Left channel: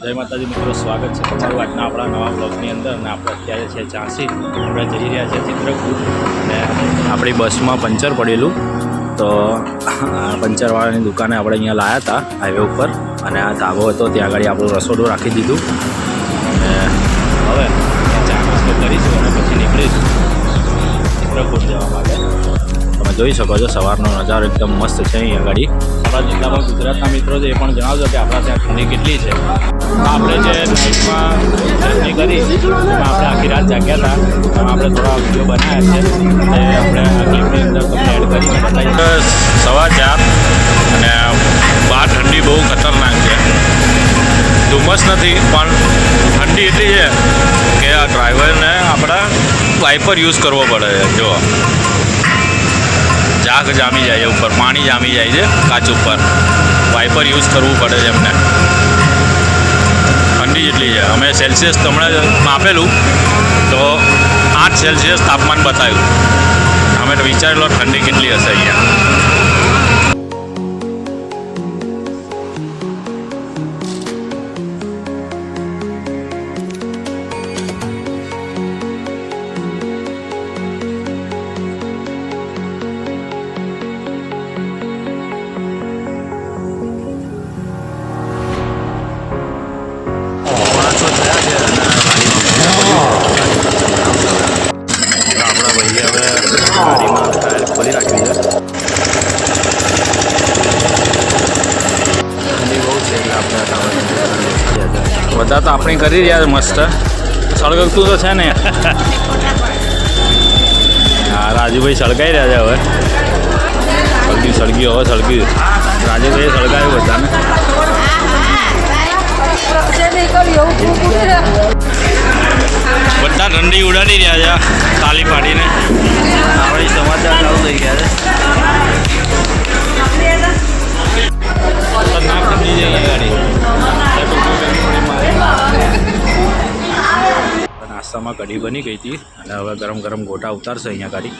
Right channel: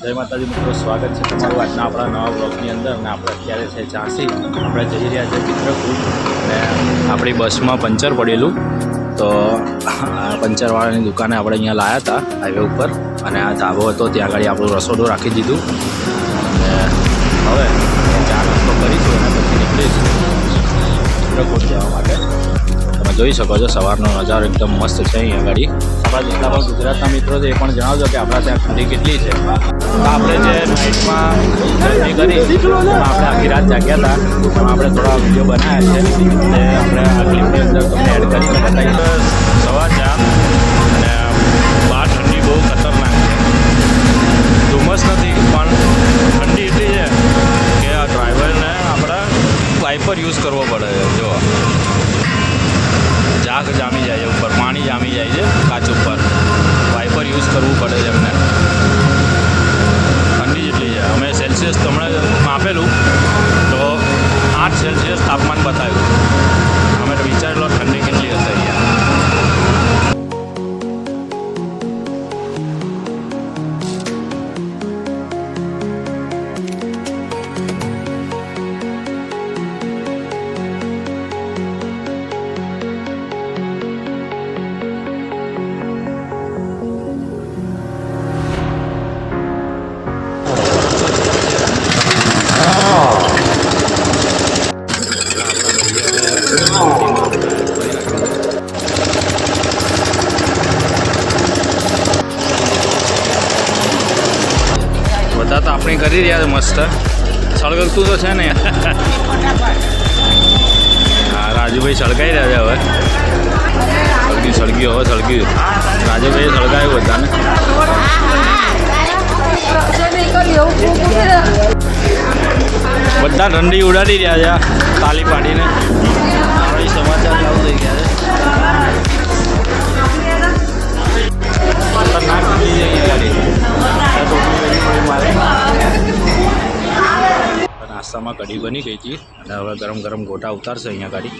જય માતાજી મિત્રો, સ્વાગત છે તમારું આજના આપણા નવા બ્લોગની અંદર. અને આપણે અત્યારે છે ઝાંસી. આપણે જઈ રહ્યા છીએ ચિત્રકૂટ અને આપણી બસમાં પંચર પડેલું, તો પંચરવાળાની દુકાને આપણે અહીંયા લાવ્યા હતા હાઈવે ઉપર. અને આ ધાબો હતો, ત્યાં આગળ આપણું રસોડું રાખી દીધું. અને હવે ચા નાસ્તો કરીશું અને પછી નીકળીશું ચિત્રકૂટ જવા માટે. તમે જોઈ શકો છો સવારનો નજારો એકદમ મસ્ત છે અહીંયા આગળ. આપણા જેટલા પણ ગુજરાતના મિત્રો છે એ પણ જણાવજો કે આપણા ત્યાં ઠંડી કેટલી છે. આપણે જે નાઇટમાં જર્ની કરી એમાં આપણે આખી રાત જાગ્યા હતા. એમાં આપણે થોડા વિડીયો બનાવ્યા છે, તે આપણે આ ક્લિપની અંદર તમને એડ કરીને બતાવીશું. સવાર 4 અને બહાર ઠંડી બહુ ખતરનાક છે. ધુમ્મસ નથી પણ ઠંડી એટલી છે કે આ ડ્રાઈવરને આપણા વાઇપર યુઝ કરવો પડે છે. જો ઝાગ જામી જાય છે, ઉપર પાણી જામી જાય છે કાચ ઉપર, વાઇપર યુઝ કરવું પડે છે એમને. ઠંડી જેટલી છે. અમે સેલ્સિયસ તમને માપેલું તો 8 સેલ્સિયસ તાપમાન બતાવ્યું. અમે તો વિચારેલો ઠંડી કેટલી હશે અહીંયા. થયા છે અને આપણા ભાઈએ હવે ગાડીમાં ટાયર ખોલી નાખ્યું છે. બધા તો આપણે કરી રહ્યા છે મસ્ત. સળગતું તો છે ને. હા, રાજુભાઈ સળગાઈ રહ્યા છે હવે. સળગ્યું હવે સળગ્યું. રાજુભાઈએ સળગાવ્યું બધાને. બધા ઠંડી ઉડાડી રહ્યા છે તાલી પાડીને. આપણી સમાચાર ચાલુ થઈ ગયા છે. ખતરનાક ઠંડી છે અહીંયા ગાડી. ટોપી પહેરવી પડી મારે. નાસ્તામાં કઢી બની ગઈ હતી અને હવે ગરમ ગરમ ગોટા ઉતારશે અહીંયા ગાડી.